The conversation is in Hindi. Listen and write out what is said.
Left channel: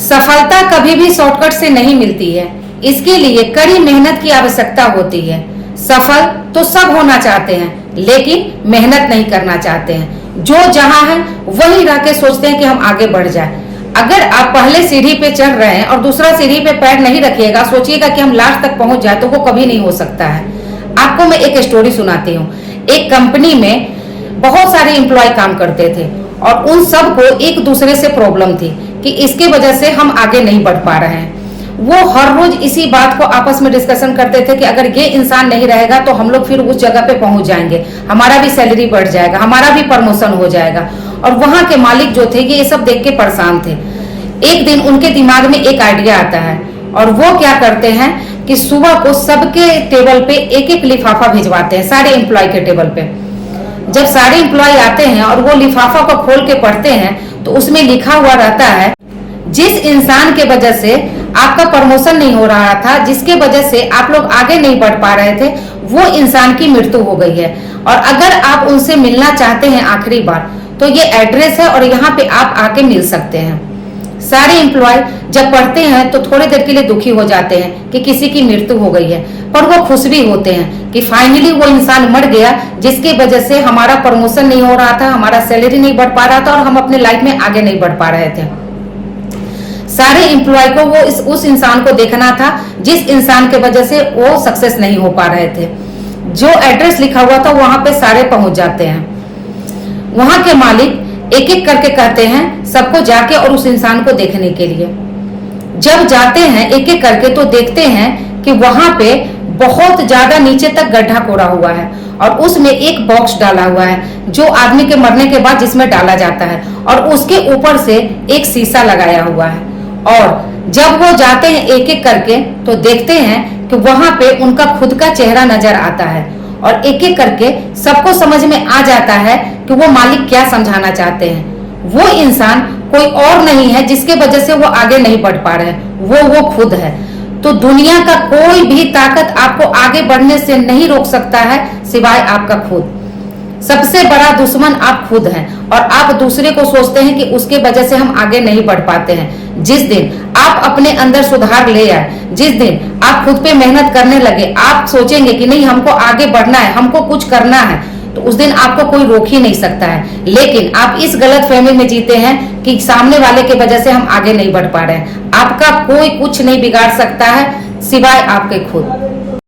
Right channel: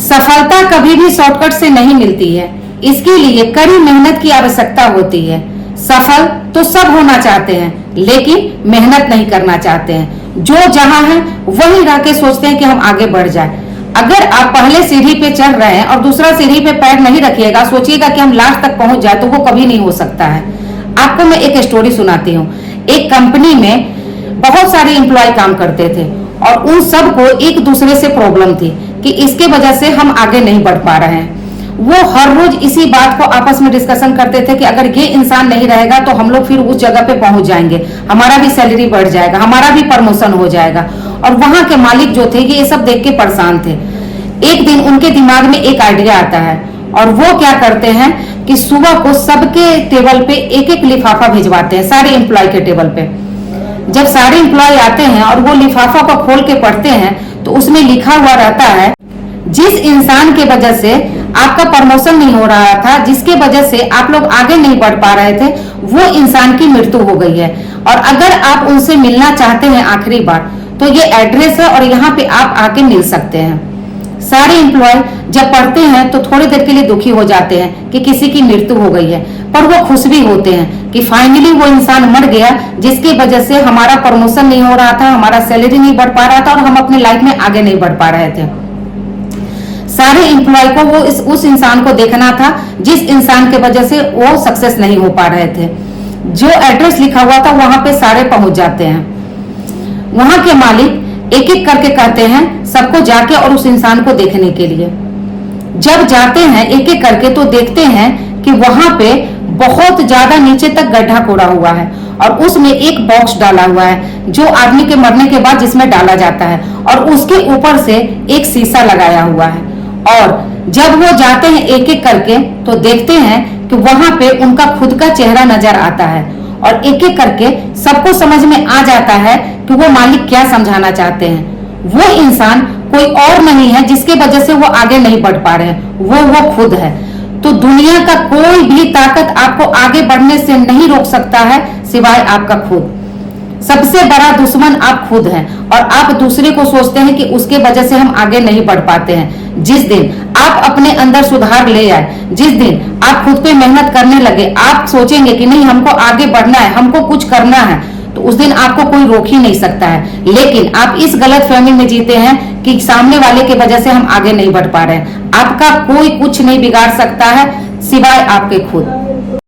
सफलता कभी भी शॉर्टकट से नहीं मिलती है। इसके लिए कड़ी मेहनत की आवश्यकता होती है। सफल तो सब होना चाहते हैं, लेकिन मेहनत नहीं करना चाहते हैं। जो जहां है वहीं रह के सोचते हैं कि हम आगे बढ़ जाए। अगर आप पहले सीढ़ी पे चढ़ रहे हैं और दूसरा सीढ़ी पे पैर नहीं रखिएगा, सोचिएगा कि हम लास्ट तक पहुंच जाए, तो वो कभी नहीं हो सकता है। आपको मैं एक स्टोरी सुनाती हूँ। एक कंपनी में बहुत सारे एम्प्लॉय काम करते थे और उन सबको एक दूसरे से प्रॉब्लम थी कि इसके वजह से हम आगे नहीं बढ़ पा रहे हैं। वो हर रोज इसी बात को आपस में डिस्कशन करते थे कि अगर ये इंसान नहीं रहेगा तो हम लोग फिर उस जगह पे पहुंच जाएंगे, हमारा भी सैलरी बढ़ जाएगा, हमारा भी प्रमोशन हो जाएगा। और वहां के मालिक जो थे ये सब देख के परेशान थे। एक दिन उनके दिमाग में एक आइडिया आता है और वो क्या करते हैं कि सुबह को सबके टेबल पे एक एक लिफाफा भिजवाते हैं, सारे एम्प्लॉय के टेबल पे। जब सारे एम्प्लॉय आते हैं और वो लिफाफा को खोल के पढ़ते हैं तो उसमें लिखा हुआ रहता है, जिस इंसान के वजह से आपका प्रमोशन नहीं हो रहा था, जिसके वजह से आप लोग आगे नहीं बढ़ पा रहे थे, वो इंसान की मृत्यु हो गई है। और अगर आप उनसे मिलना चाहते हैं आखिरी बार तो ये एड्रेस है और यहाँ पे आप आके मिल सकते हैं। सारे एम्प्लॉय जब पढ़ते हैं तो थोड़ी देर के लिए दुखी हो जाते हैं कि किसी की मृत्यु हो गई है, पर वो खुश भी होते हैं कि फाइनली वो इंसान मर गया जिसकी वजह से हमारा प्रमोशन नहीं हो रहा था, हमारा सैलरी नहीं बढ़ पा रहा था और हम अपने लाइफ में आगे नहीं बढ़ पा रहे थे। सारे एम्प्लॉय को वो उस इंसान को देखना था जिस इंसान के वजह से वो सक्सेस नहीं हो पा रहे थे। जो एड्रेस लिखा हुआ था वहां पे सारे पहुंच जाते हैं। वहां के मालिक एक एक करके कहते हैं सबको जाके और उस इंसान को देखने के लिए। जब जाते हैं एक एक करके तो देखते हैं कि वहां पे बहुत ज्यादा नीचे तक गड्ढा खोदा हुआ है और उसमें एक बॉक्स डाला हुआ है जो आदमी के मरने के बाद जिसमें डाला जाता है, और उसके ऊपर से एक शीशा लगाया हुआ है। और जब वो जाते हैं एक एक करके तो देखते हैं कि वहां पे उनका खुद का चेहरा नजर आता है और एक एक करके सबको समझ में आ जाता है कि वो मालिक क्या समझाना चाहते हैं। वो इंसान कोई और नहीं है जिसके वजह से वो आगे नहीं बढ़ पा रहे हैं, वो खुद है। तो दुनिया का कोई भी ताकत आपको आगे बढ़ने से नहीं रोक सकता है सिवाय आपका खुद। सबसे बड़ा दुश्मन आप खुद हैं और आप दूसरे को सोचते हैं कि उसके वजह से हम आगे नहीं बढ़ पाते हैं। जिस दिन आप अपने अंदर सुधार ले आए, जिस दिन आप खुद पे मेहनत करने लगे, आप सोचेंगे कि नहीं हमको आगे बढ़ना है, हमको कुछ करना है, तो उस दिन आपको कोई रोक ही नहीं सकता है। लेकिन आप इस गलत फहमी में जीते हैं कि सामने वाले की वजह से हम आगे नहीं बढ़ पा रहे हैं। आपका कोई कुछ नहीं बिगाड़ सकता है सिवाय आपके खुद।